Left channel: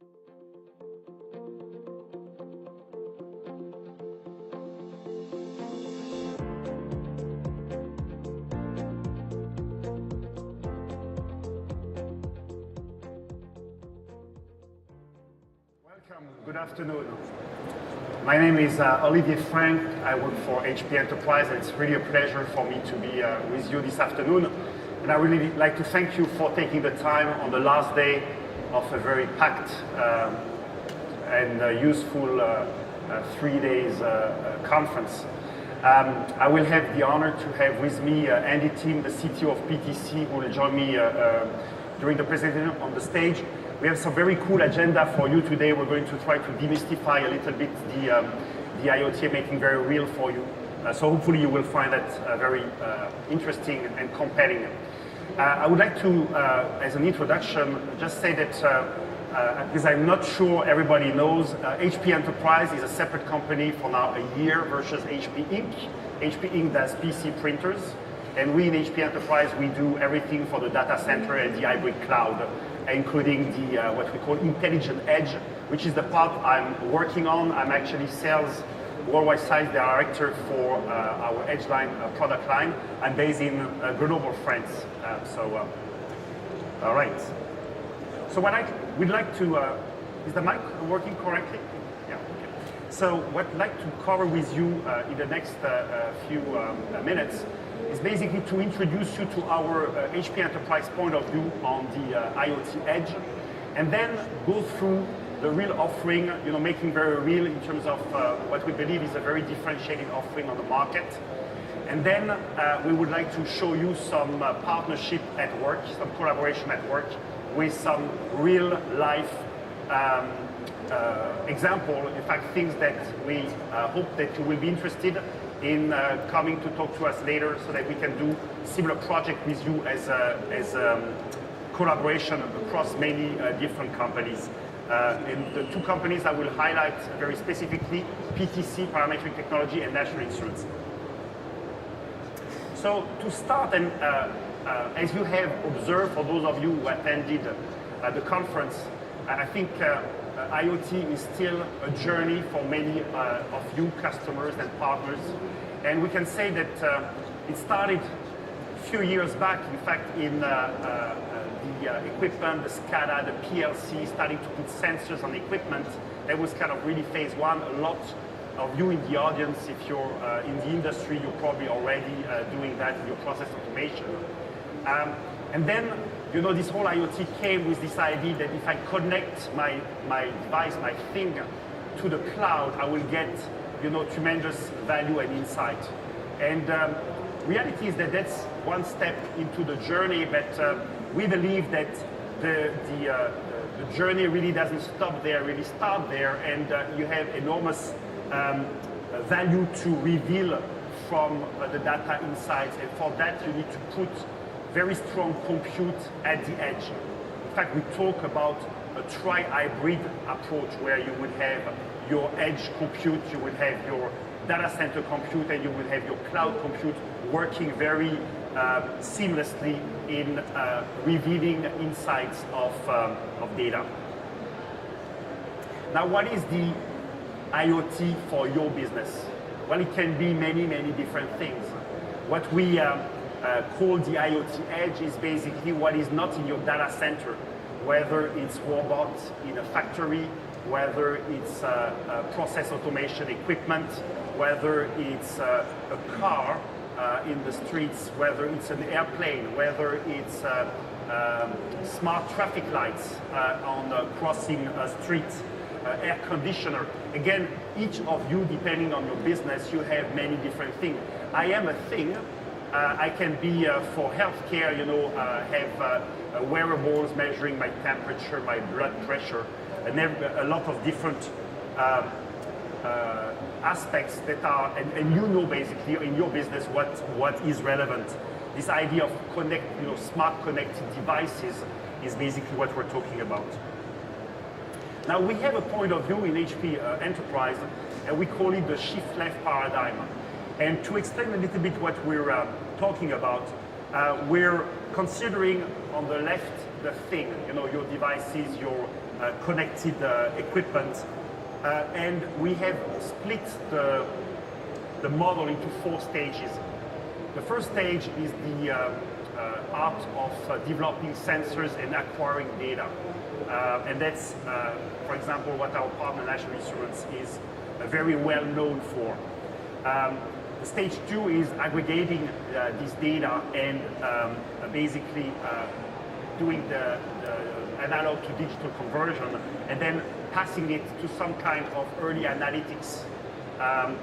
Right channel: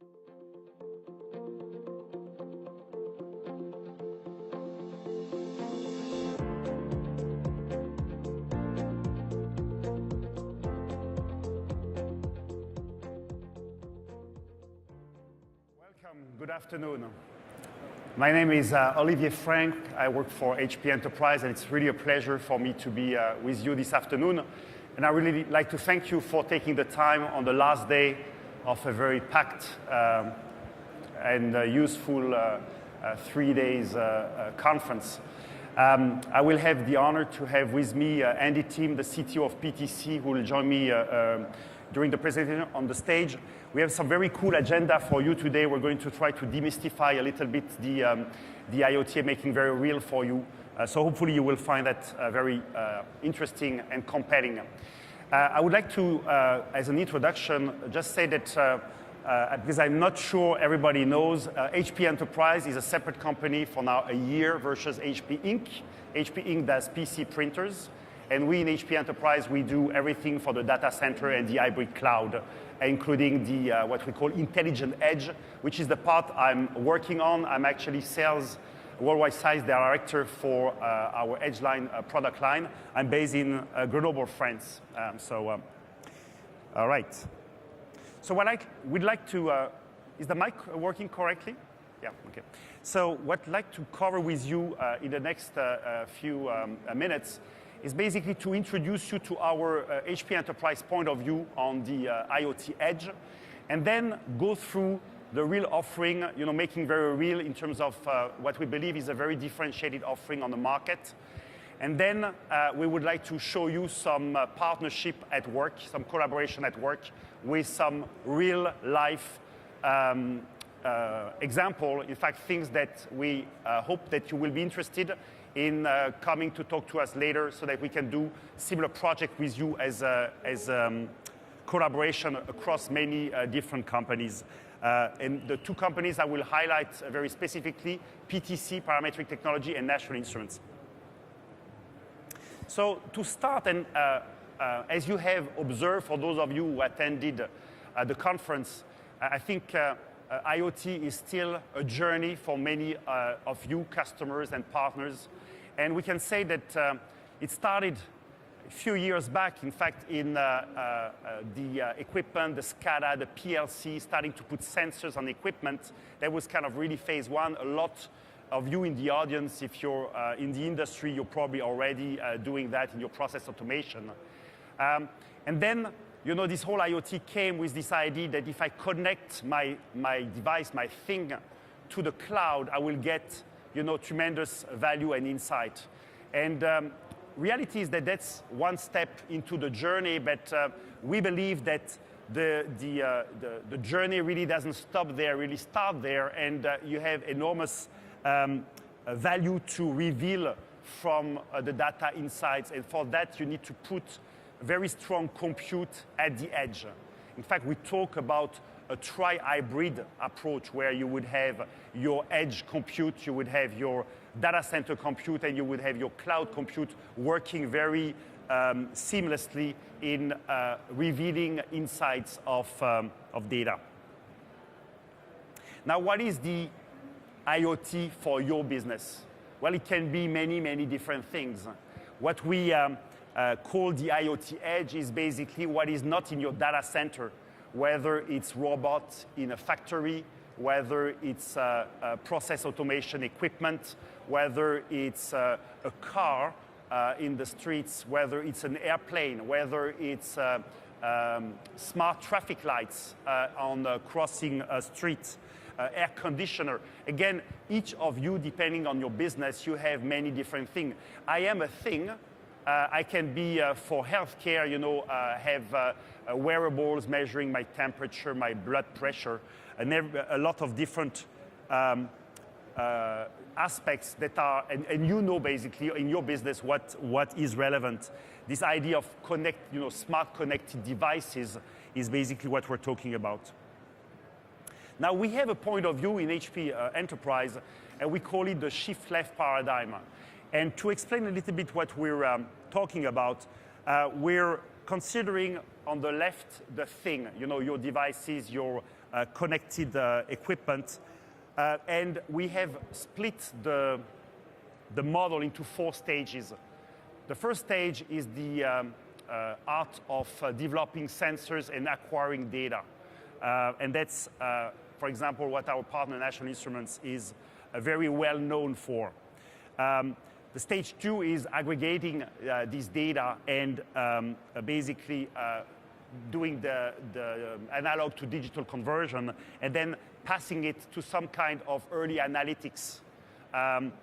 Good afternoon. My name is Olivier. I work for HP Enterprise. It's really a pleasure for me to be with you this afternoon. And I would really like to thank you for taking the time on the last day of a very packed and useful 3 days conference. I will have the honor to have with me Andy Tim, the CTO of PTC, who will join me during the presentation on the stage. We have some very cool agenda for you today. We're going to try to demystify a little bit the IoT, making very real for you. So hopefully you will find that very interesting and compelling. I would like to, as an introduction, just say that, because I'm not sure everybody knows, HP Enterprise is a separate company for now a year versus HP Inc. HP Inc. does PC printers, and we in HP Enterprise, we do everything for the data center and the hybrid cloud, including the what we call intelligent edge, which is the part I'm working on. I'm actually sales worldwide site director for our Edgeline product line. I'm based in Grenoble, France. All right. So what I would like to, is the mic working correctly? Yeah. So what I'd like to cover with you in the next few minutes is basically to introduce you to our HP Enterprise point of view on the IoT edge, and then go through the real offering, making very real in terms of what we believe is a very differentiating offering on the market. And then we would like to show you some partnership at work, some collaboration at work with some real life example, in fact, things that we hope that you will be interested in coming to talk to us later so that we can do similar project with you as collaboration across many different companies. And the two companies I will highlight very specifically, PTC, Parametric Technology, and National Instruments. So to start, and as you have observed, for those of you who attended the conference, I think IoT is still a journey for many of you customers and partners. And we can say that it started a few years back, in fact, in the equipment, the SCADA, the PLC, starting to put sensors on the equipment. And it was kind of really phase one. A lot of you in the audience, if you're in the industry, you're probably already doing that with your process automation. And then, this whole IoT came with this idea that if I connect my device, my thing, to the cloud, I will get, tremendous value and insight. And reality is that that's one step into the journey, but we believe that the journey really doesn't stop there, really start there, and you have enormous value to reveal from the data insights. And for that, you need to put very strong compute at the edge. In fact, we talk about a tri-hybrid approach where you would have your edge compute, you would have your data center compute, and you would have your cloud compute working very seamlessly in revealing insights of data. Now, what is the IoT for your business? Well, it can be many, many different things. What we call the IoT edge is basically what is not in your data center, whether it's robots in a factory, whether it's process automation equipment, whether it's a car in the streets, whether it's an airplane, whether it's smart traffic lights on crossing streets, air conditioner. Again, each of you, depending on your business, you have many different things. I am a thing. I can be for healthcare, have wearables measuring my temperature, my blood pressure, and then a lot of different aspects that are, and basically in your business what is relevant. This idea of smart connected devices is basically what we're talking about. Now we have a point of view in HP Enterprise, and we call it the shift left paradigm. And to explain a little bit what we're talking about, we're considering on the left the thing, your devices, your connected equipment. And we have split the model into 4 stages. The first stage is the art of developing sensors and acquiring data. And that's, for example, what our partner National Instruments is very well known for. Stage 2 is aggregating this data and basically doing the analog to digital conversion and then passing it to some kind of early analytics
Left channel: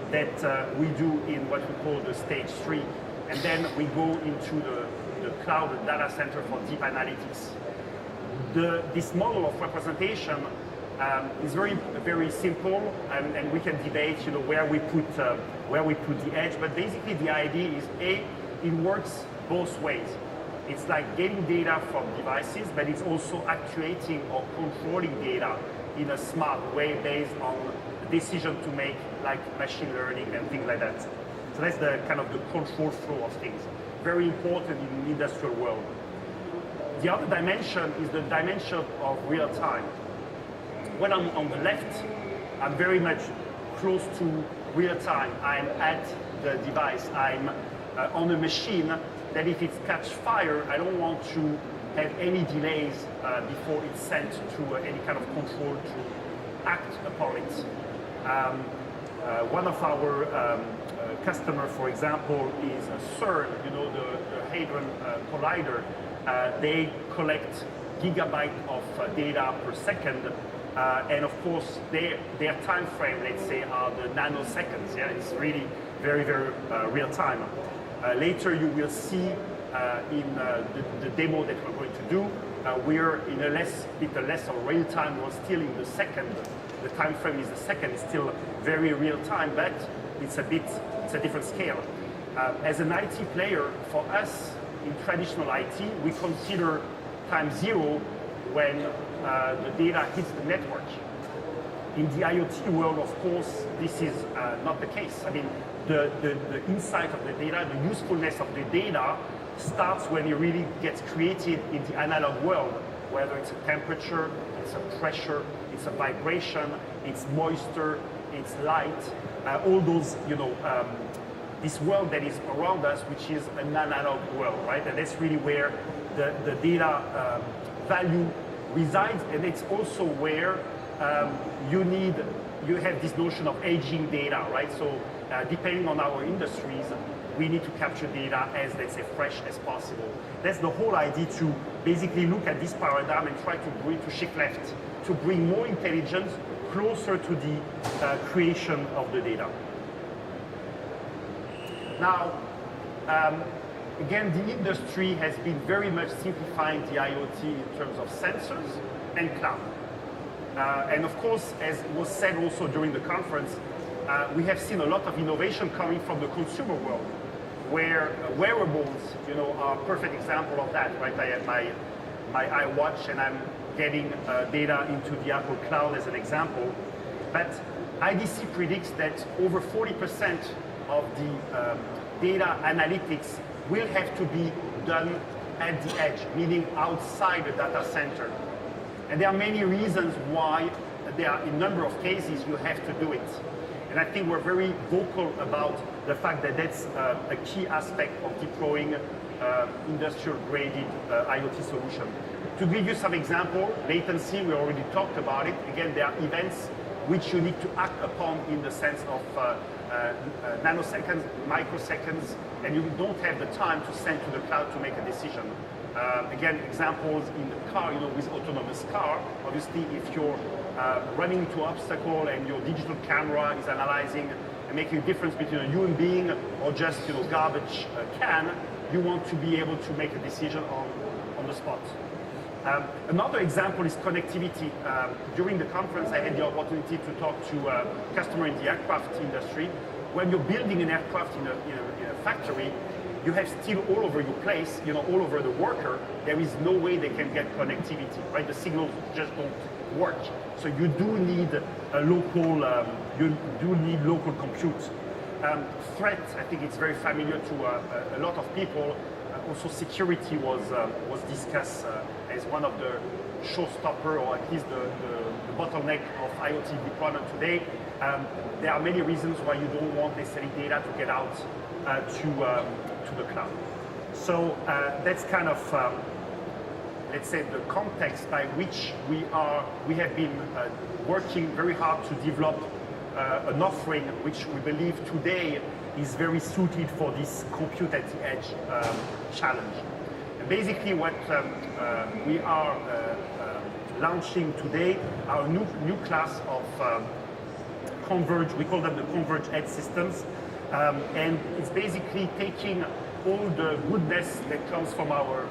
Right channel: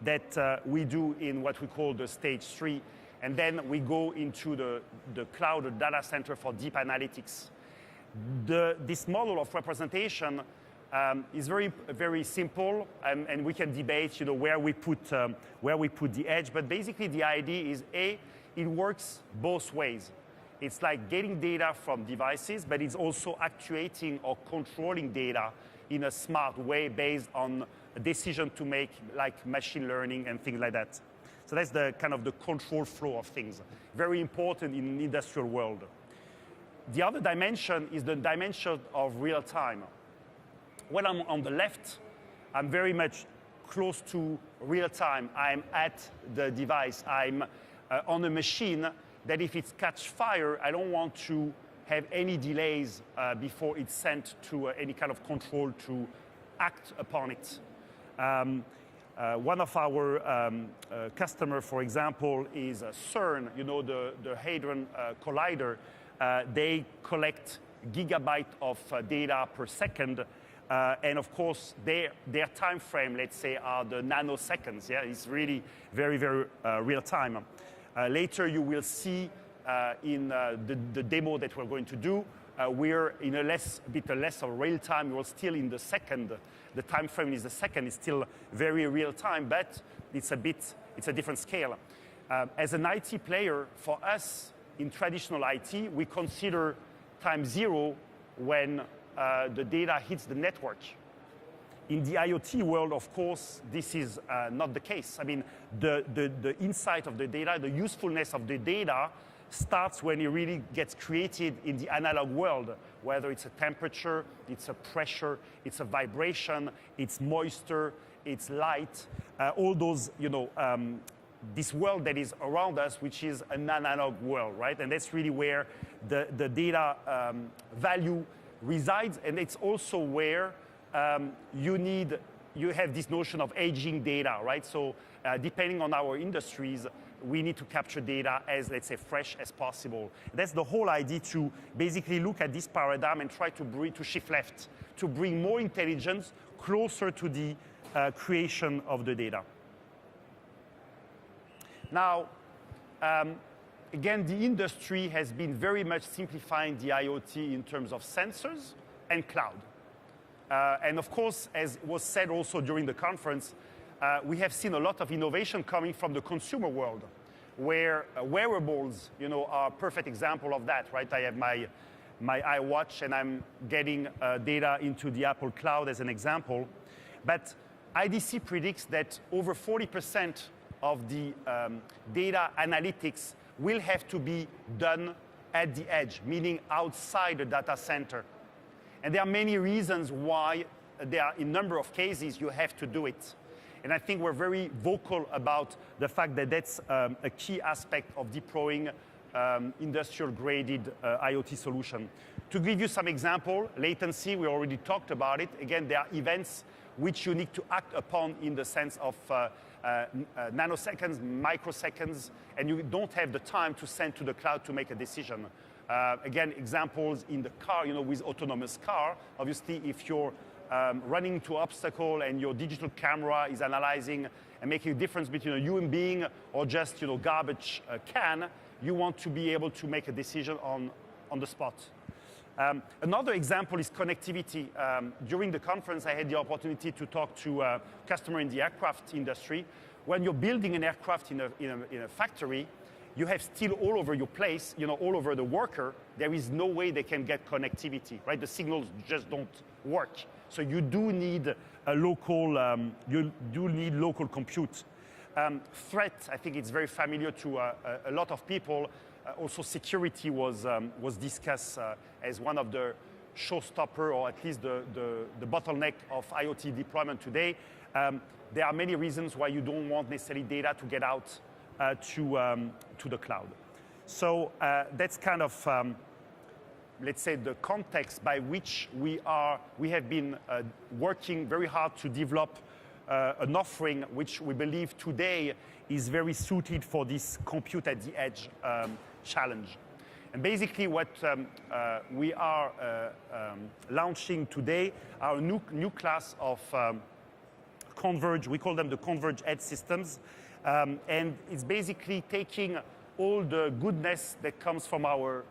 that we do in what we call the stage 3. And then we go into the cloud, the data center for deep analytics. This model of representation is very simple, and we can debate where we put the edge. But basically, the idea is it works both ways. It's like getting data from devices, but it's also actuating or controlling data in a smart way based on the decision to make, like machine learning and things like that. So that's the kind of the control flow of things. Very important in the industrial world. The other dimension is the dimension of real time. When I'm on the left, I'm very much close to real time. I'm at the device. I'm on the machine. That if it catches fire, I don't want to have any delays before it's sent to any kind of control to act upon it. One of our customers, for example, is CERN, the Hadron Collider. They collect gigabytes of data per second, and of course, their time frame, they say, are the nanoseconds. Yeah, it's really very real time. Later, you will see in the demo that we're going to do, we're in a bit less of real time. We're still in the second. The time frame is a second. It's still very real time, but it's a different scale. As an IT player, for us in traditional IT, we consider time 0 when the data hits the network. In the IoT world, of course, this is not the case. I mean, the insight of the data, the usefulness of the data starts when it really gets created in the analog world, whether it's a temperature, it's a pressure, it's a vibration, it's moisture, it's light, all those, this world that is around us, which is an analog world, right? And that's really where the data value resides, and it's also where you have this notion of aging data, right? So depending on our industries, we need to capture data as, let's say, fresh as possible. That's the whole idea, to basically look at this paradigm and try to shift left, to bring more intelligence closer to the creation of the data. Now, again, the industry has been very much simplifying the IoT in terms of sensors and cloud. And of course, as was said also during the conference, we have seen a lot of innovation coming from the consumer world, where wearables, are a perfect example of that, right? I have my iWatch and I'm getting data into the Apple Cloud as an example. But IDC predicts that over 40% of the data analytics will have to be done at the edge, meaning outside the data center. And there are many reasons why there are, in a number of cases, you have to do it. And I think we're very vocal about the fact that that's a key aspect of deploying industrial-grade IoT solution. To give you some example, latency, we already talked about it. Again, there are events which you need to act upon in the sense of nanoseconds, microseconds, and you don't have the time to send to the cloud to make a decision. Again, examples in the car, with autonomous car, obviously if you're running into an obstacle and your digital camera is analyzing and making a difference between a human being or just a garbage can, you want to be able to make a decision on the spot. Another example is connectivity. During the conference, I had the opportunity to talk to a customer in the aircraft industry. When you're building an aircraft in a factory, you have steel all over the place, all over the worker. There is no way they can get connectivity, right? The signals just don't work. So you do need local compute. Threat, I think, is very familiar to a lot of people. also security was discussed as one of the showstopper, or at least the bottleneck of IoT deployment today. There are many reasons why you don't want necessarily data to get out to the cloud. So that's kind of, let's say, the context by which we have been working very hard to develop an offering which we believe today is very suited for this compute at the edge challenge. And basically what we are launching today are new class of converged, we call them the converged edge systems. And it's basically taking all the goodness that comes from our,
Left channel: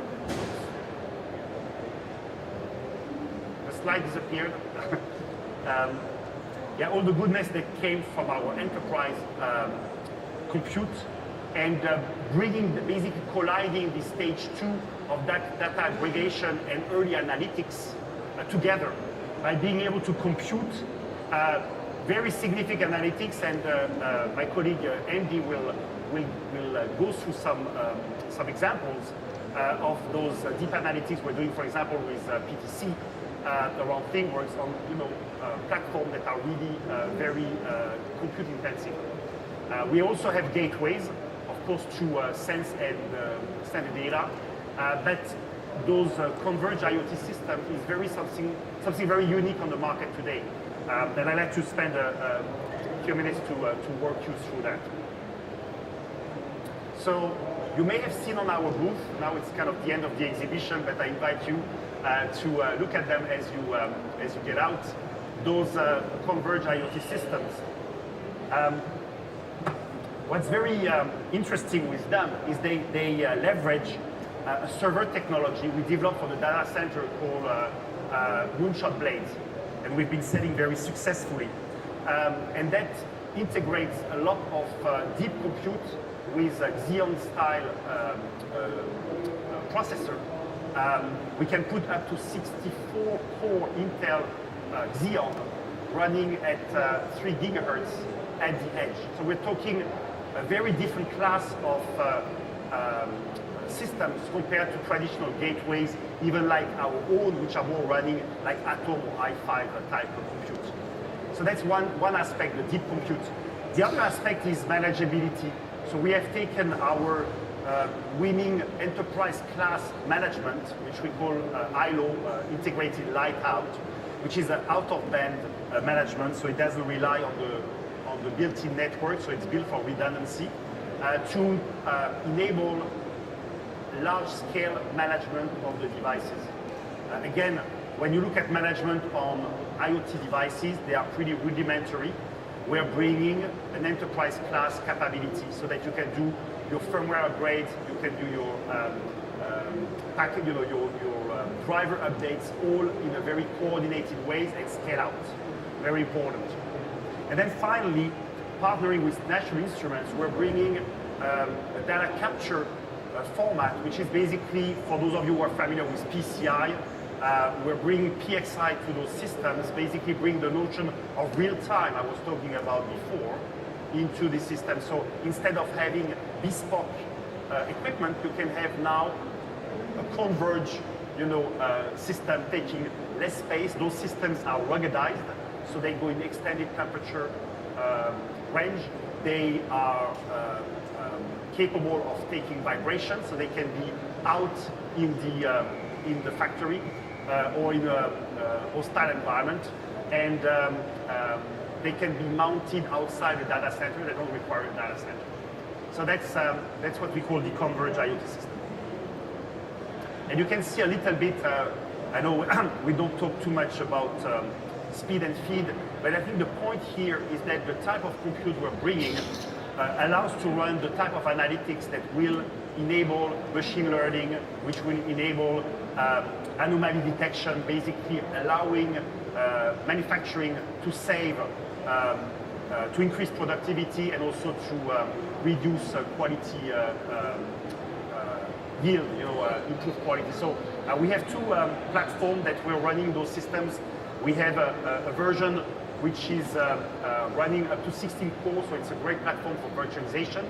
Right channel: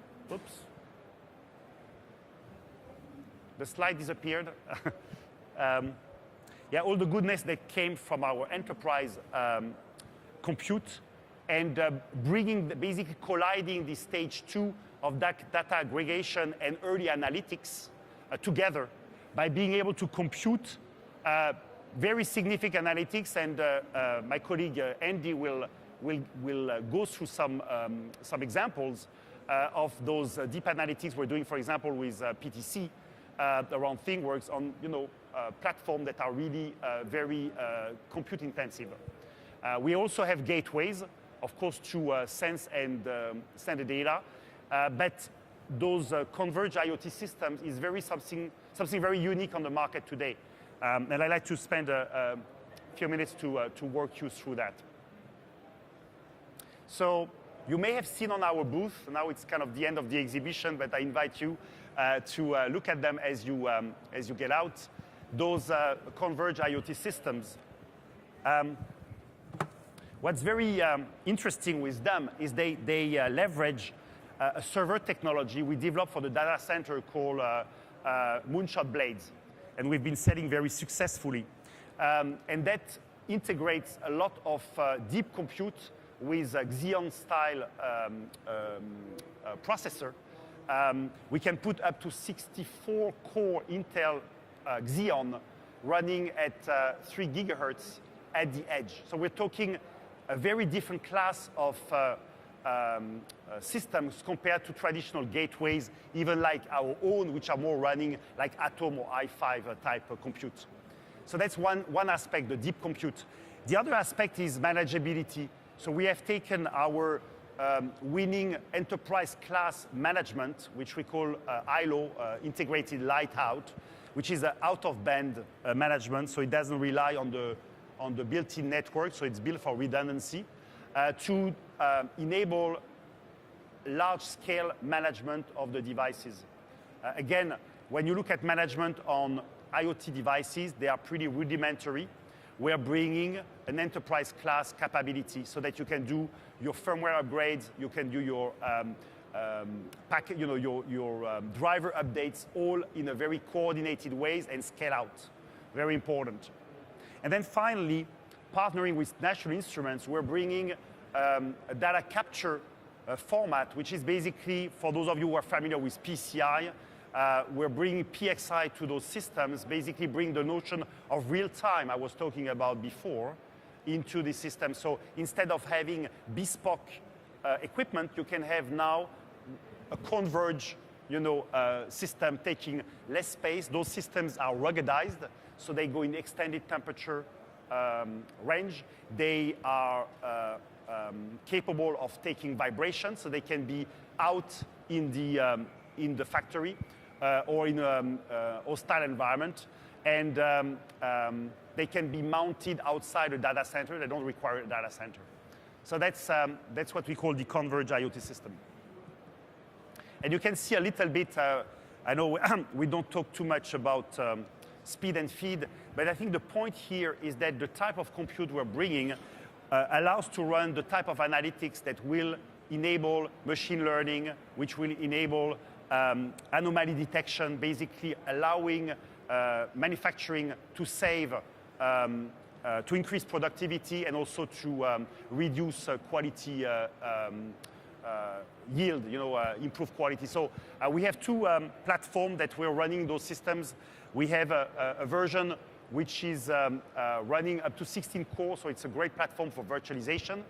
the slides disappeared. All the goodness that came from our enterprise compute and bringing, basically colliding the stage 2 of that data aggregation and early analytics together by being able to compute very significant analytics, and my colleague Andy will go through some examples of those deep analytics we're doing, for example, with PTC, the whole thing works on platforms that are really very compute intensive. We also have gateways, of course, to sense and send data, but those converged IoT systems is something very unique on the market today. And I'd like to spend a few minutes to walk you through that. So you may have seen on our booth, now it's kind of the end of the exhibition, but I invite you to look at them as you get out, those converged IoT systems. What's very interesting with them is they leverage server technology we developed for the data center called Moonshot Blaze, and we've been selling very successfully. And that integrates a lot of deep compute with a Xeon-style processor. We can put up to 64-core Intel Xeon running at 3 gigahertz at the edge. So we're talking a very different class of systems compared to traditional gateways, even like our own, which are more running like Atom or i5 type of compute. So that's one aspect, the deep compute. The other aspect is manageability. So we have taken our winning enterprise class management, which we call IO, integrated light-out, which is an out-of-band management, so it doesn't rely on the built-in network, so it's built for redundancy, to enable large-scale management of the devices. Again, when you look at management on IoT devices, they are pretty rudimentary. We're bringing an enterprise class capability so that you can do your firmware upgrades, you can do your driver updates all in a very coordinated way and scale out. Very important. And then finally, partnering with National Instruments, we're bringing a data capture format, which is basically, for those of you who are familiar with PCI, we're bringing PSI to those systems, basically bring the notion of real time I was talking about before into the system. So instead of having bespoke equipment, you can have now a converged system taking less space. Those systems are ruggedized, so they go in extended temperature range. They are capable of taking vibrations, so they can be out in the factory or in a hostile environment, and they can be mounted outside the data center. They don't require a data center. So that's what we call the converged IoT system. And you can see a little bit. I know we don't talk too much about speed and feed, but I think the point here is that the type of compute we're bringing allows to run the type of analytics that will enable machine learning, which will enable anomaly detection, basically allowing manufacturing to save, to increase productivity, and also to reduce quality yield, improve quality. So we have two platforms that we're running those systems. We have a version which is running up to 16 cores, so it's a great platform for virtualization.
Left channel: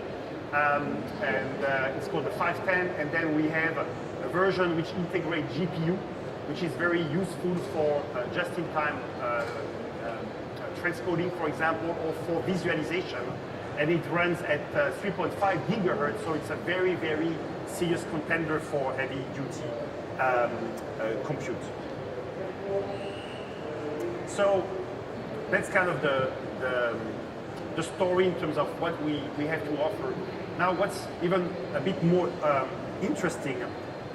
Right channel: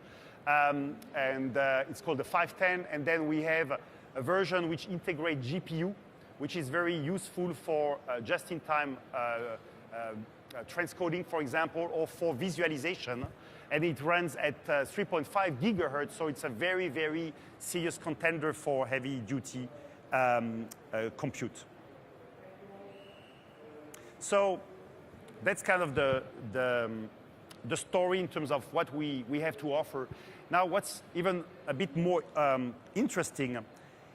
and it's called the 510. And then we have a version which integrates GPU, which is very useful for just-in-time transcoding, for example, or for visualization. And it runs at 3.5 gigahertz, so it's a very, very serious contender for heavy-duty compute. So that's kind of the story in terms of what we have to offer. Now, what's even a bit more interesting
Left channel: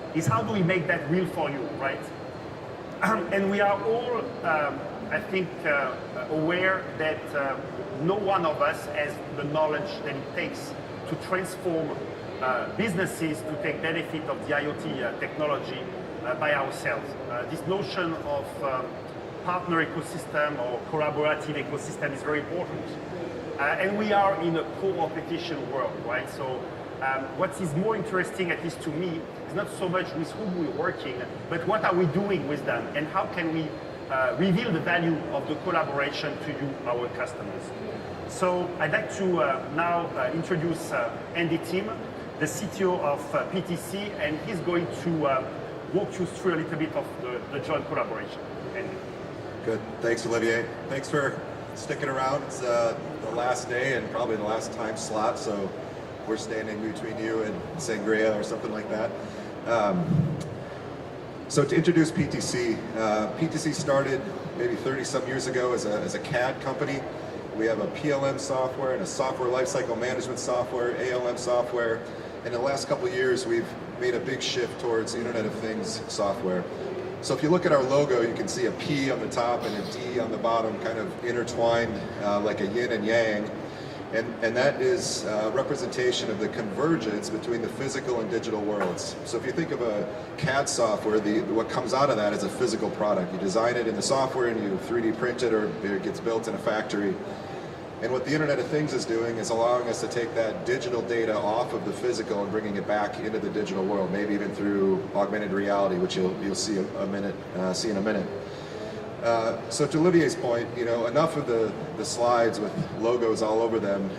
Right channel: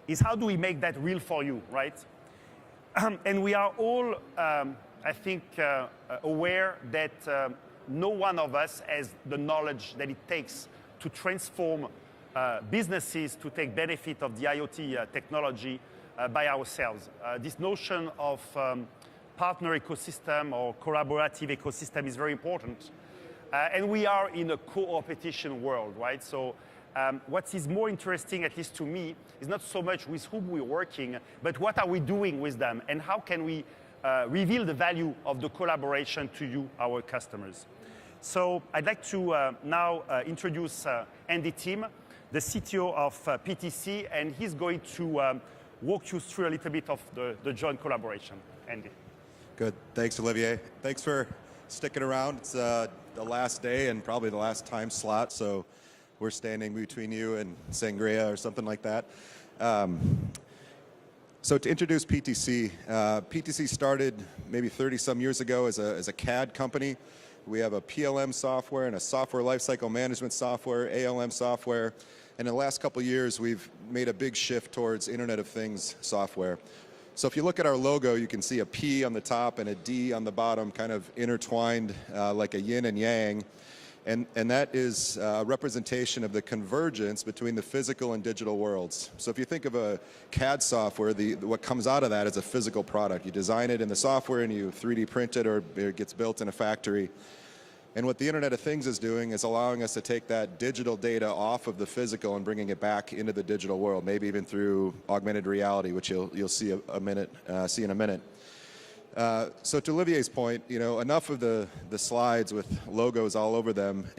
is how do we make that real for you, right? And we are all, I think, aware that no one of us has the knowledge that it takes to transform businesses to take benefit of the IoT technology by ourselves. This notion of partner ecosystem or collaborative ecosystem is very important. And we are in a co-competition world, right? So what is more interesting, at least to me, is not so much with who we're working, but what are we doing with them, and how can we reveal the value of the collaboration to you, our customers. So I'd like to now introduce Andy Tim, the CTO of PTC, and he's going to walk you through a little bit of the joint collaboration. Andy. Good, thanks Olivier. Thanks for sticking around. It's the last day and probably the last time slot, so we're standing between you and Sangria or something like that. So to introduce PTC, PTC started maybe 30-some years ago as a CAD company. We have a PLM software, and a software lifecycle management software, ALM software, and in the last couple of years we've made a big shift towards Internet of Things software. So if you look at our logo, you can see a P on the top and a D on the bottom, kind of intertwined like a yin and yang. And that is a representation of the convergence between the physical and digital worlds. So if you think of a CAD software, what comes out of that is a physical product. You design it in software and you 3D print it, or it gets built in a factory. And what the Internet of Things is doing is allowing us to take that digital data off of the physical and bringing it back into the digital world, maybe even through augmented reality, which you'll see in a minute. So to Olivier's point, enough of the slides with logos all over them.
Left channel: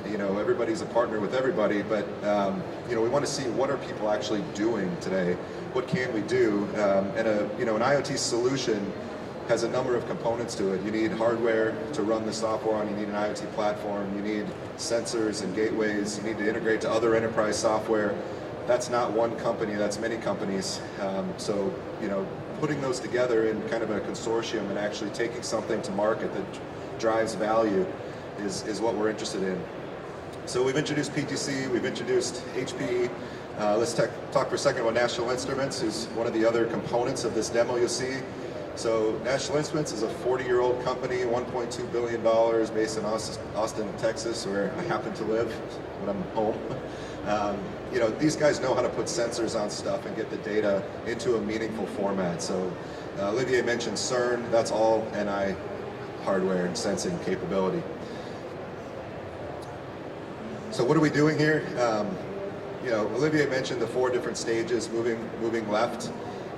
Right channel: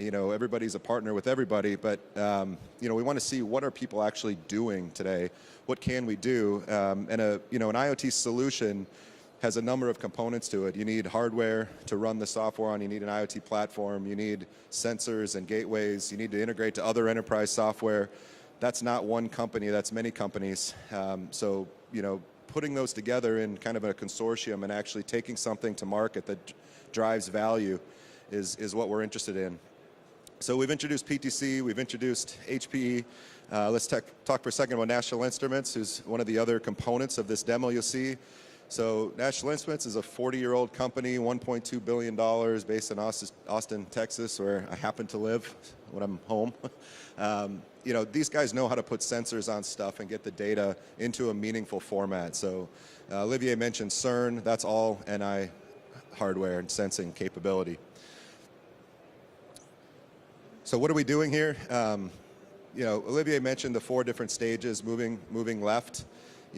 Everybody's a partner with everybody, but we want to see what are people actually doing today. What can we do? And an IoT solution has a number of components to it. You need hardware to run the software on, you need an IoT platform, you need sensors and gateways, you need to integrate to other enterprise software. That's not one company, that's many companies. So, putting those together in kind of a consortium and actually taking something to market that drives value is what we're interested in. So we've introduced PTC, we've introduced HP. Let's talk for a second about National Instruments, who's one of the other components of this demo you'll see. So National Instruments is a 40-year-old company, $1.2 billion, based in Austin, Texas, where I happen to live when I'm home. These guys know how to put sensors on stuff and get the data into a meaningful format. So Olivier mentioned CERN, that's all NI hardware and sensing capability. So what are we doing here? Olivier mentioned the 4 different stages moving left.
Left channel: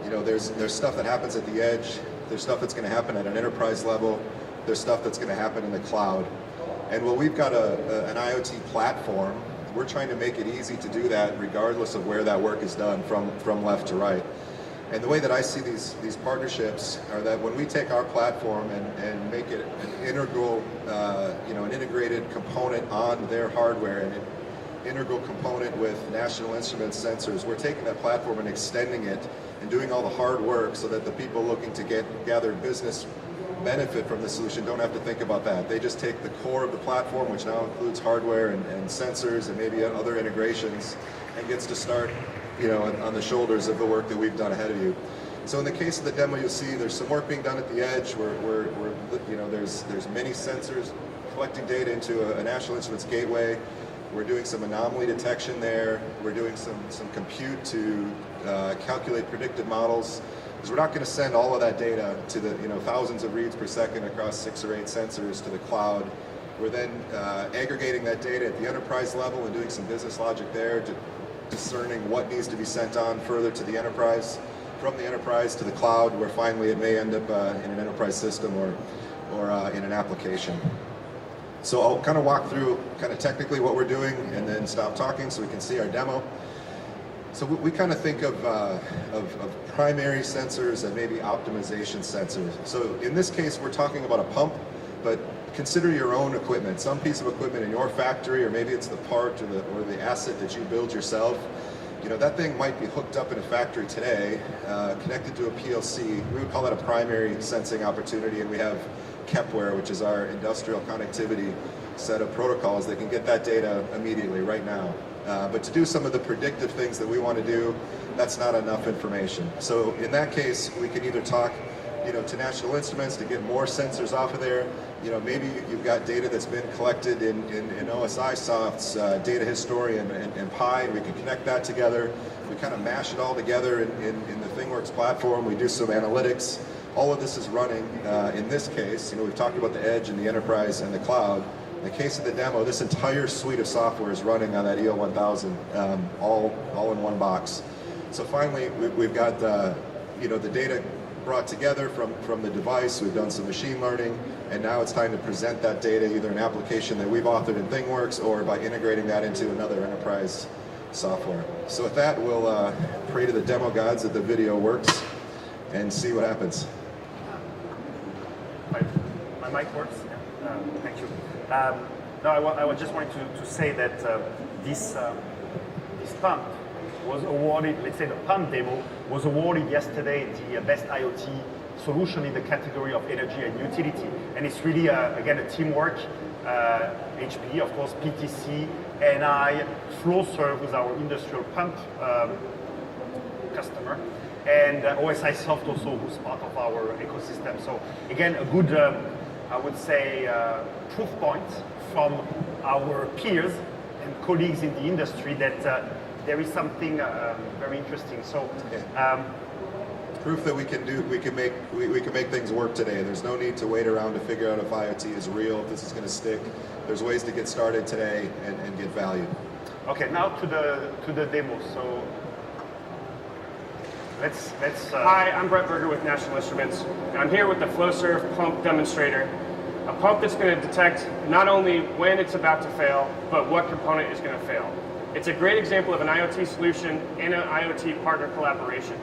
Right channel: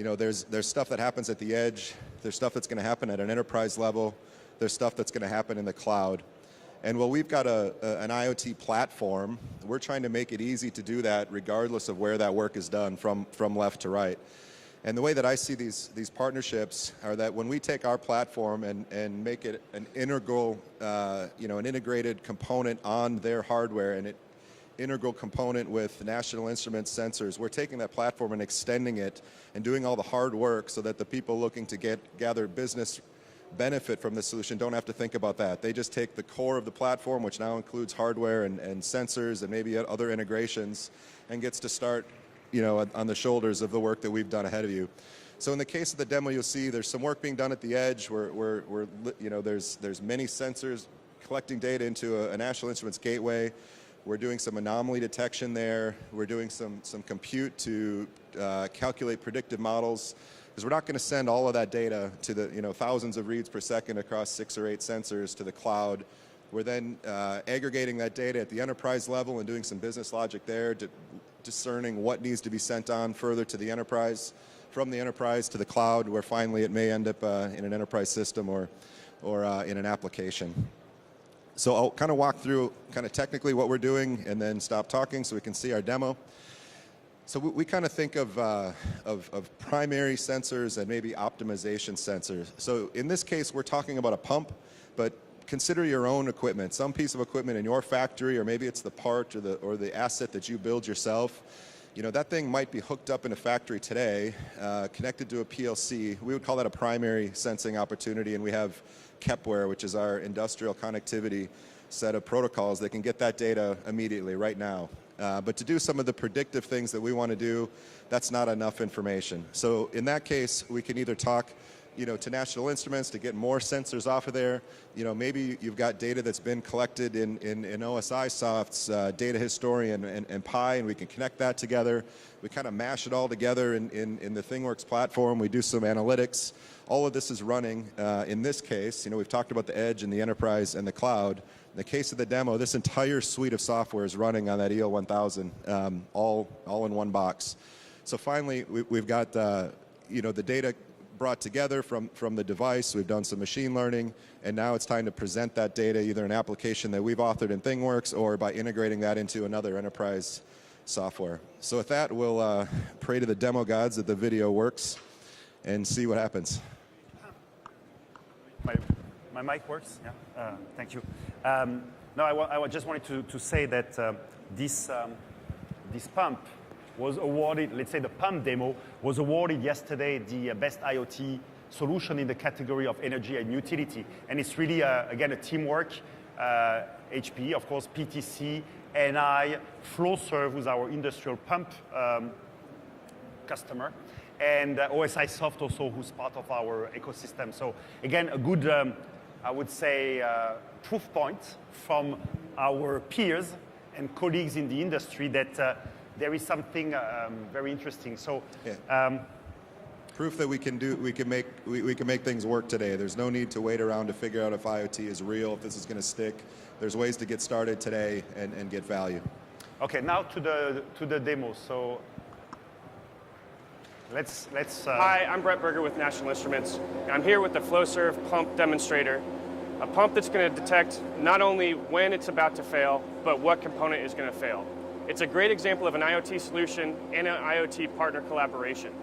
There's stuff that happens at the edge, there's stuff that's going to happen at an enterprise level, there's stuff that's going to happen in the cloud. And when we've got an IoT platform, we're trying to make it easy to do that regardless of where that work is done, from left to right. And the way that I see these partnerships are that when we take our platform and make it an integral, an integrated component on their hardware, an integral component with National Instruments sensors, we're taking that platform and extending it and doing all the hard work so that the people looking to gather business benefit from the solution don't have to think about that. They just take the core of the platform, which now includes hardware and sensors and maybe other integrations, and gets to start on the shoulders of the work that we've done ahead of you. So in the case of the demo, you see there's some work being done at the edge where there's many sensors collecting data into a National Instruments gateway. We're doing some anomaly detection there. We're doing some compute to calculate predictive models. Because we're not going to send all of that data to thousands of reads per second across 6 or 8 sensors to the cloud. We're then aggregating that data at the enterprise level and doing some business logic there, discerning what needs to be sent on further to the enterprise, from the enterprise to the cloud, where finally it may end up in an enterprise system or in an application. So I'll kind of walk through kind of technically what we're doing and then stop talking so we can see our demo. So we kind of think of primary sensors and maybe optimization sensors. So in this case, we're talking about a pump, but consider your own equipment. Some piece of equipment in your factory, or maybe it's the part or the asset that you build yourself. You know, that thing might be hooked up in a factory today, connected to a PLC. We would call that a primary sensing opportunity, and we have Kepler, which is our industrial connectivity set of protocols that can get that data immediately, right now. But to do some of the predictive things that we want to do, that's not enough information. So in that case, we can either talk, to National Instruments to get more sensors out there. Maybe you've got data that's been collected in OSIsoft's data historian and Pi, and we can connect that together. We kind of mash it all together in the ThingWorx platform. We do some analytics. All of this is running, in this case, we've talked about the edge and the enterprise and the cloud. In the case of the demo, this entire suite of software is running on that EO1000, all in one box. So finally, we've got the data brought together from the device. We've done some machine learning, and now it's time to present that data either in an application that we've authored in ThingWorx or by integrating that into another enterprise software. So with that, we'll pray to the demo gods that the video works and see what happens. My mic works? Thank you. No, I just wanted to say that this pump was awarded, let's say the pump demo, was awarded yesterday the best IoT solution in the category of energy and utility. And it's really, again, a teamwork. HP, of course, PTC, NI, Flowserve with our industrial pump customer, and OSIsoft also was part of our ecosystem. So again, a good, I would say, proof points from our peers and colleagues in the industry that there is something very interesting. So. Proof that we can make things work today. There's no need to wait around to figure out if IoT is real, if this is going to stick. There's ways to get started today and get value. Okay, now to the demo. So let's. Hi, I'm Brett Berger with National Instruments, and I'm here with the Flowserve pump demonstrator. A pump that's going to detect not only when it's about to fail, but what component is going to fail. It's a great example of an IoT solution and an IoT partner collaboration.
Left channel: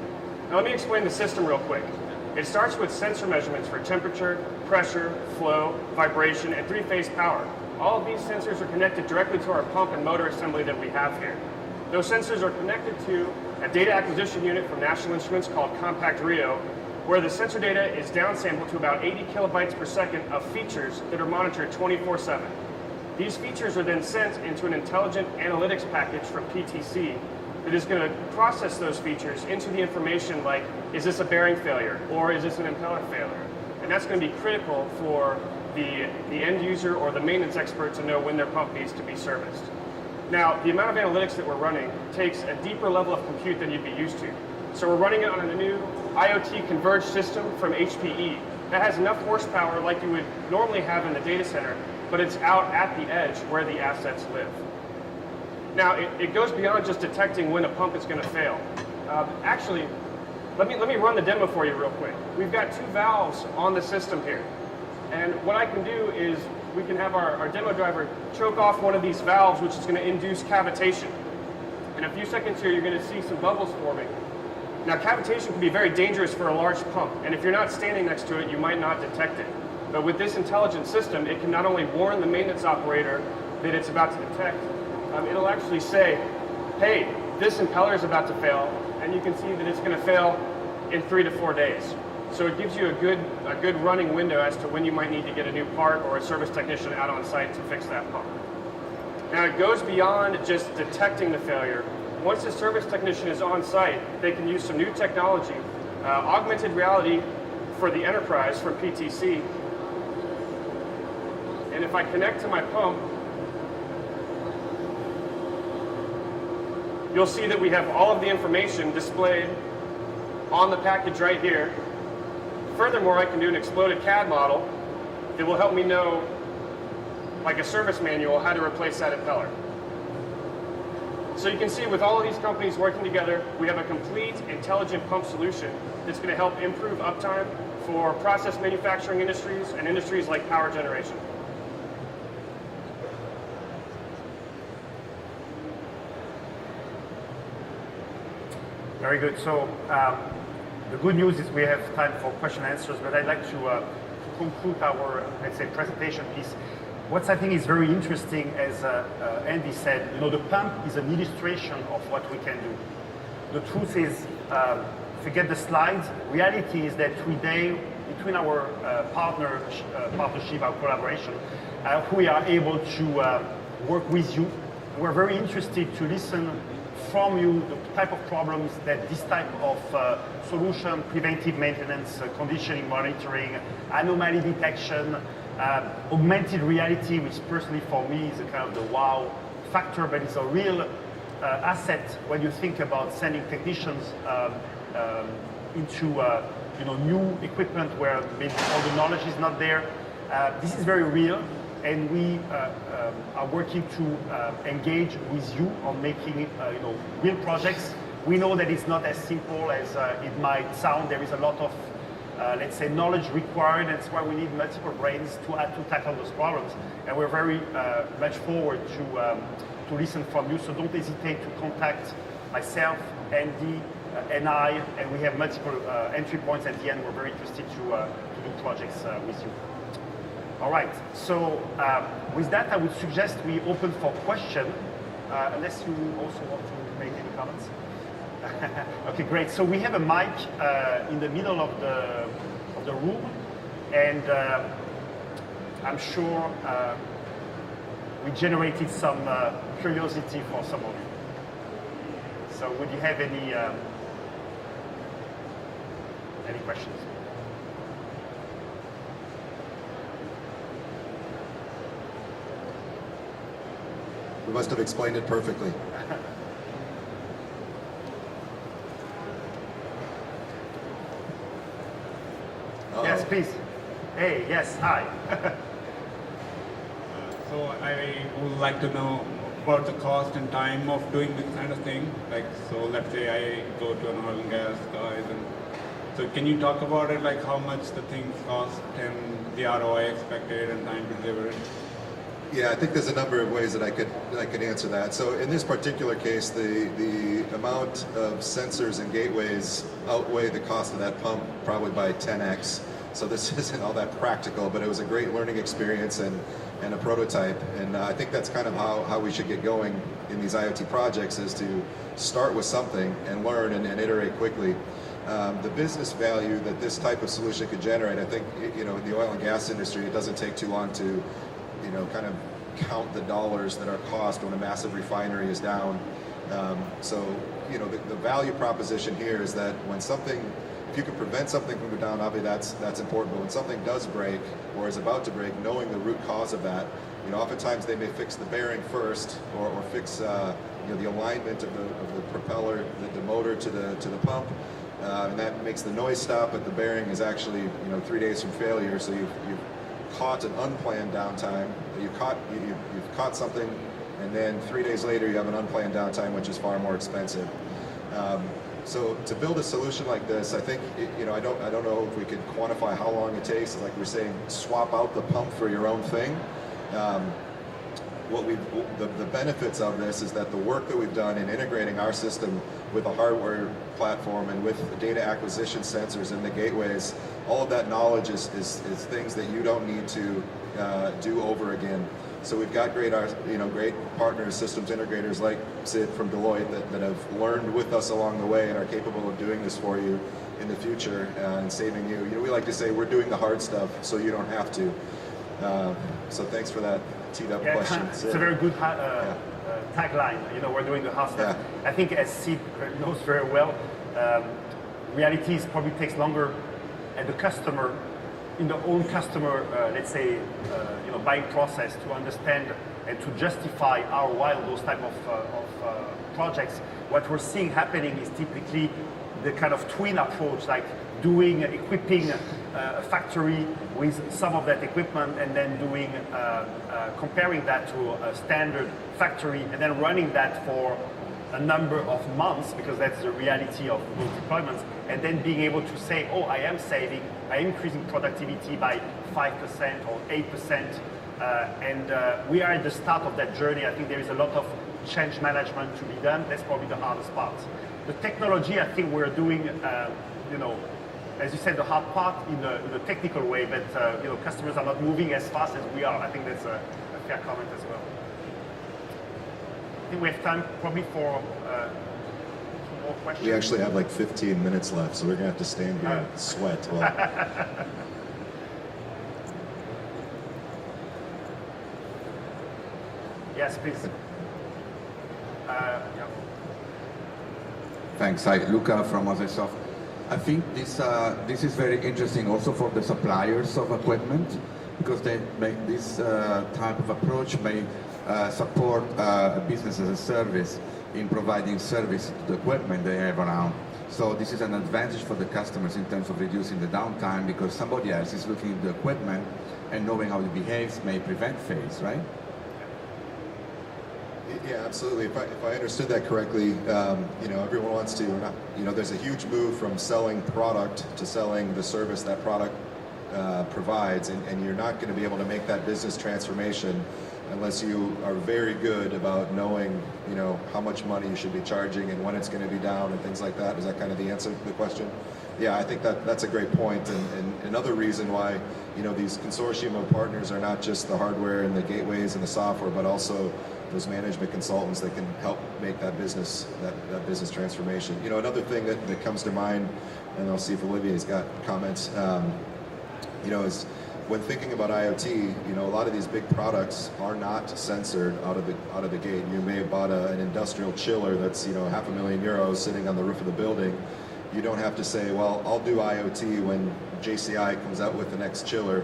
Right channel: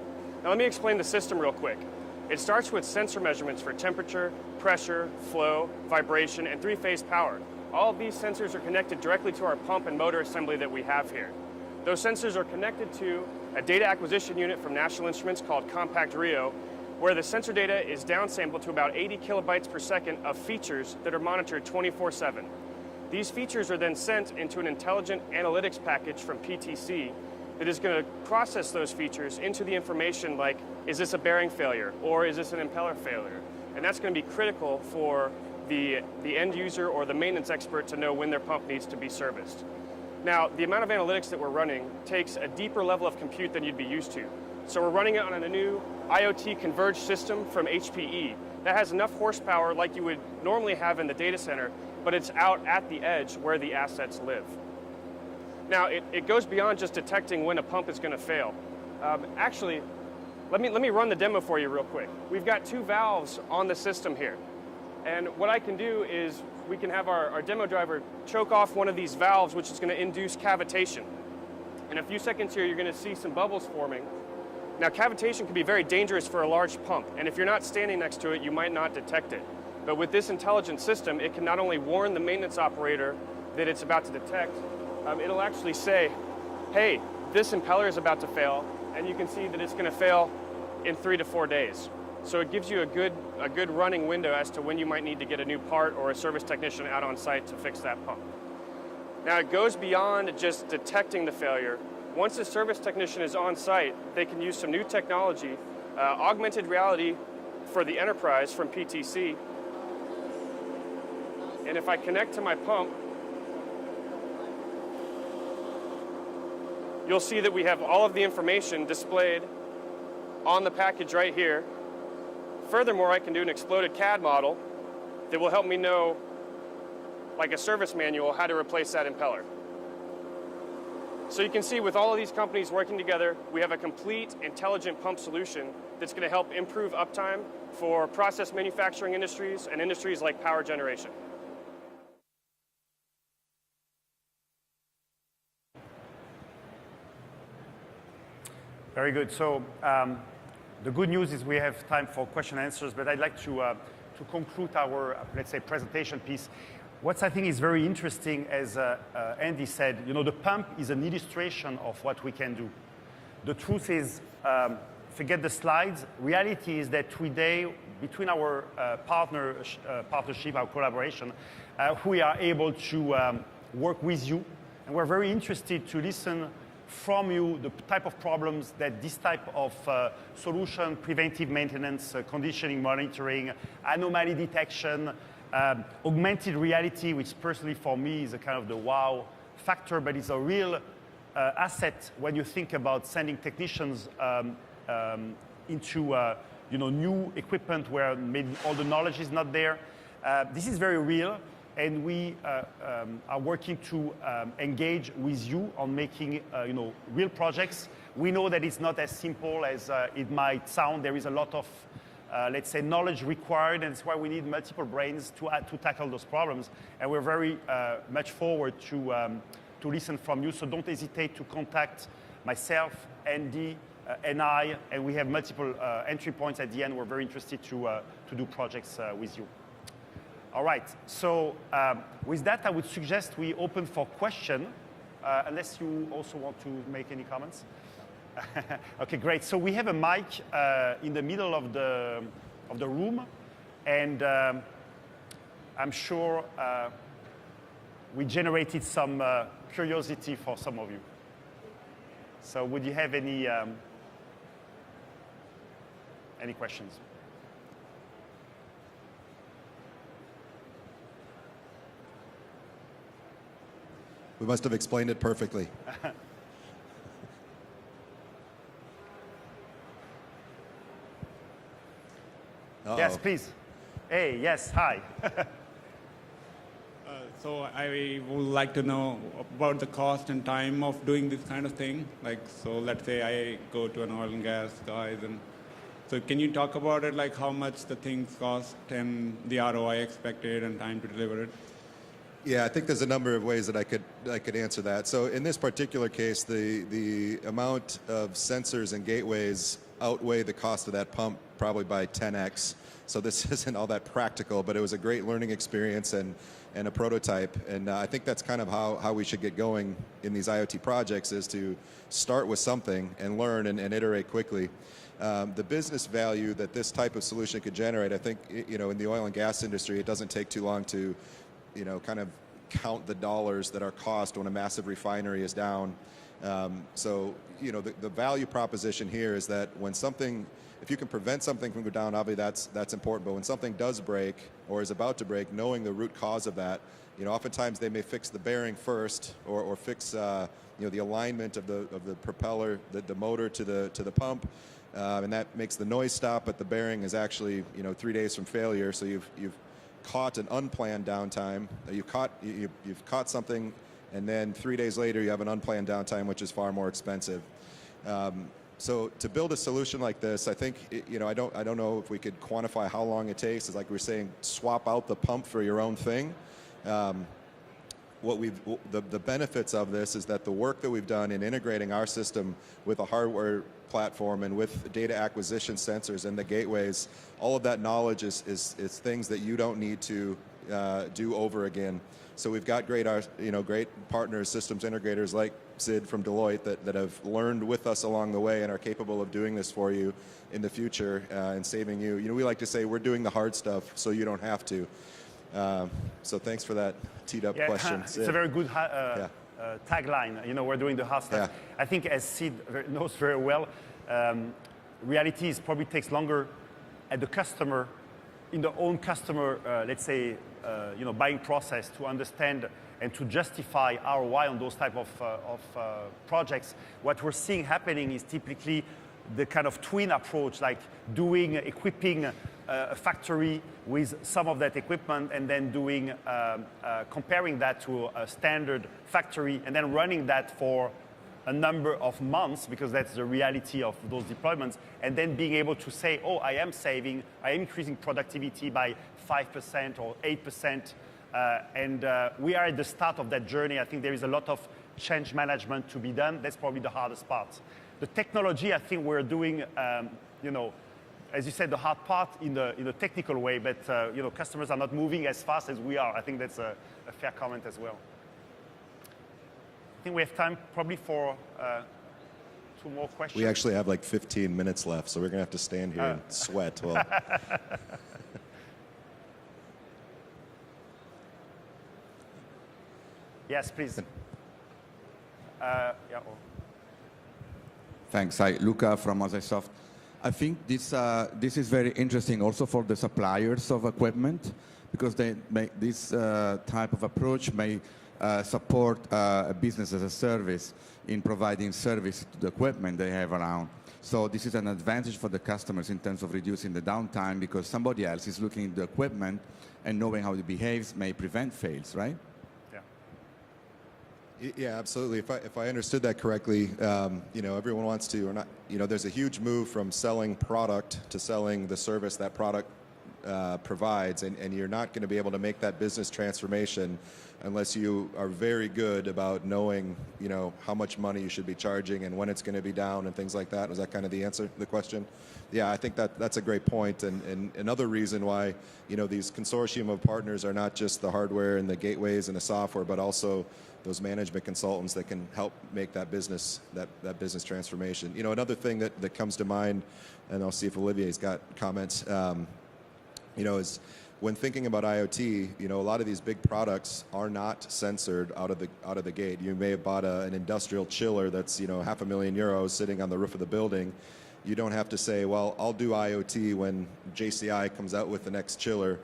Now let me explain the system real quick. It starts with sensor measurements for temperature, pressure, flow, vibration, and three-phase power. All of these sensors are connected directly to our pump and motor assembly that we have here. Those sensors are connected to a data acquisition unit from National Instruments called Compact Rio, where the sensor data is downsampled to about 80 kilobytes per second of features that are monitored 24/7. These features are then sent into an intelligent analytics package from PTC that is going to process those features into the information like, is this a bearing failure or is this an impeller failure? And that's going to be critical for the end user or the maintenance expert to know when their pump needs to be serviced. Now, the amount of analytics that we're running takes a deeper level of compute than you'd be used to. So we're running it on a new IoT converged system from HPE that has enough horsepower like you would normally have in the data center, but it's out at the edge where the assets live. Now, it goes beyond just detecting when the pump is going to fail. Actually, let me run the demo for you real quick. We've got two valves on the system here. And what I can do is we can have our demo driver choke off one of these valves, which is going to induce cavitation. In a few seconds here, you're going to see some bubbles forming. Now, cavitation can be very dangerous for a large pump, and if you're not standing next to it, you might not detect it. But with this intelligent system, it can not only warn the maintenance operator that it's about to detect, it'll actually say, hey, this impeller is about to fail, and you can see that it's going to fail in 3 to 4 days. So it gives you a good running window as to when you might need to get a new part or a service technician out on site to fix that pump. Now it goes beyond just detecting the failure. Once the service technician is on site, they can use some new technology, augmented reality for the enterprise from PTC. And if I connect to my pump, you'll see that we have all of the information displayed on the package right here. Furthermore, I can do an exploded CAD model that will help me know, like a service manual, how to replace that impeller. So you can see with all these companies working together, we have a complete intelligent pump solution that's going to help improve uptime for process manufacturing industries and industries like power generation. Very good. So the good news is we have time for question and answers, but I'd like to conclude our, let's say, presentation piece. What I think is very interesting, as Andy said, the pump is an illustration of what we can do. The truth is, forget the slides. Reality is that today, between our partnership, our collaboration, we are able to work with you. We're very interested to listen from you the type of problems that this type of solution, preventive maintenance, condition monitoring, anomaly detection, augmented reality, which personally for me is a kind of the wow factor, but it's a real asset when you think about sending technicians into new equipment where maybe all the knowledge is not there. This is very real, and we are working to engage with you on making real projects. We know that it's not as simple as it might sound. There is a lot of let's say, knowledge required, and that's why we need multiple brains to tackle those problems. And we're very much forward to listen from you. So don't hesitate to contact myself, Andy, and I, and we have multiple entry points at the end. We're very interested to do projects with you. All right, so with that, I would suggest we open for question. Unless you also want to make any comments. Okay, great. So we have a mic in the middle of the room, and I'm sure we generated some curiosity for some of you. So would you have any questions? You must have explained it perfectly. Yes, please. Hey, yes, hi. So I would like to know about the cost and time of doing this kind of thing. Like, so let's say I go to an oil and gas guys. So can you talk about it, like how much the things cost and the ROI expected and time delivered? Yeah, I think there's a number of ways that I could answer that. So in this particular case, the amount of sensors and gateways outweigh the cost of that pump probably by 10x. So this isn't all that practical, but it was a great learning experience and a prototype. And I think that's kind of how we should get going in these IoT projects, is to start with something and learn and iterate quickly. The business value that this type of solution could generate, I think, in the oil and gas industry, it doesn't take too long to kind of count the dollars that are cost when a massive refinery is down. So, the value proposition here is that when something, if you can prevent something from going down, obviously that's important. But when something does break or is about to break, knowing the root cause of that, oftentimes they may fix the bearing first, or fix the alignment of the propeller, the motor to the pump. That makes the noise stop, but the bearing is actually 3 days from failure. So you've caught an unplanned downtime. You caught something, and then 3 days later you have an unplanned downtime, which is far more expensive. So to build a solution like this, I think I don't know if we could quantify how long it takes. Like you're saying, swap out the pump for your own thing. The benefits of this is that the work that we've done in integrating our system with a hardware platform and with data acquisition sensors and the gateways, all of that knowledge is things that you don't need to do over again. So we've got great partners, systems integrators like Sid from Hewlett that have learned with us along the way and are capable of doing this for you in the future and saving you. We like to say we're doing the hard stuff so you don't have to. So thanks for that teed up question. It's a very good tagline. We're doing the hard stuff. I think as Sid knows very well, reality is probably takes longer at the customer, in the own customer, let's say, buying process to understand and to justify ROI on those type of projects. What we're seeing happening is typically the kind of twin approach, like equipping a factory with some of that equipment and then comparing that to a standard factory and then running that for a number of months, because that's the reality of those deployments, and then being able to say, oh, I am increasing productivity by 5% or 8%, and we are at the start of that journey. I think there is a lot of change management to be done. That's probably the hardest part. the technology, I think we're doing, as you said, the hard part in the technical way that customers are not moving as fast as we are. I think that's a fair comment as well. I think we have time probably for more questions. We actually have like 15 minutes left, so we're going to have to stay in here and sweat. Yes, please. Thanks. Hi, Luca from Microsoft. I think this is very interesting also for the suppliers of equipment, because they make this type of approach may support business as a service in providing service to the equipment they have around. So this is an advantage for the customers in terms of reducing the downtime, because somebody else is looking at the equipment and knowing how it behaves may prevent failures, right? Yeah, absolutely. If I understood that correctly, everyone wants to, there's a huge move from selling product to selling the service that product provides, and you're not going to be able to make that business transformation unless you are very good about knowing, how much money you should be charging and when it's going to be down and things like that. Is that kind of the answer to the question? Yeah, I think that's a great point, and another reason why, these consortium of partners are not just the hardware and the gateways and the software, but also those management consultants that can help make that business transformation. Another thing that comes to mind, and I'll see if Olivier's got comments, is when thinking about IoT, a lot of these big products are not censored out of the gate. You may have bought an industrial chiller that's €500,000 sitting on the roof of the building. You don't have to say, well, I'll do IoT when JCI comes out with the next chiller.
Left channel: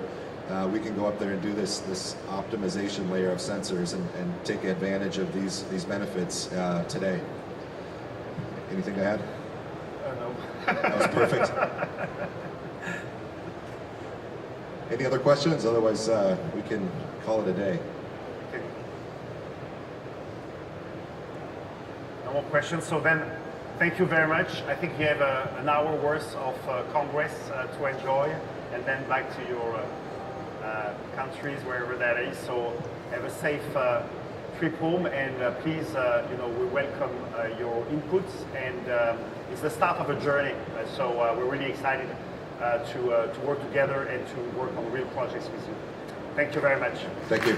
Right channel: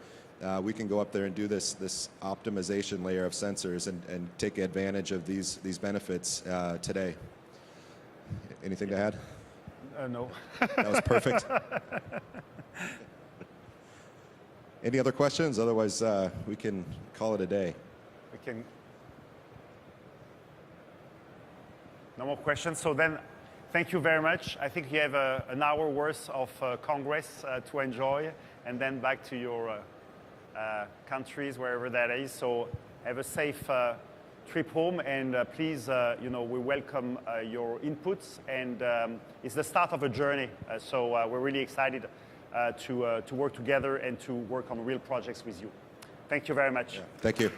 We can go up there and do this optimization layer of sensors and take advantage of these benefits today. Anything to add? No. That's perfect. Any other questions? Otherwise, we can call it a day. Okay. No more questions. So then, thank you very much. I think you have an hour worth of Congress to enjoy, and then back to your countries, wherever that is. So have a safe trip home, and please, we welcome your inputs. And it's the start of a journey. So we're really excited to work together and to work on real projects with you. Thank you very much. Thank you.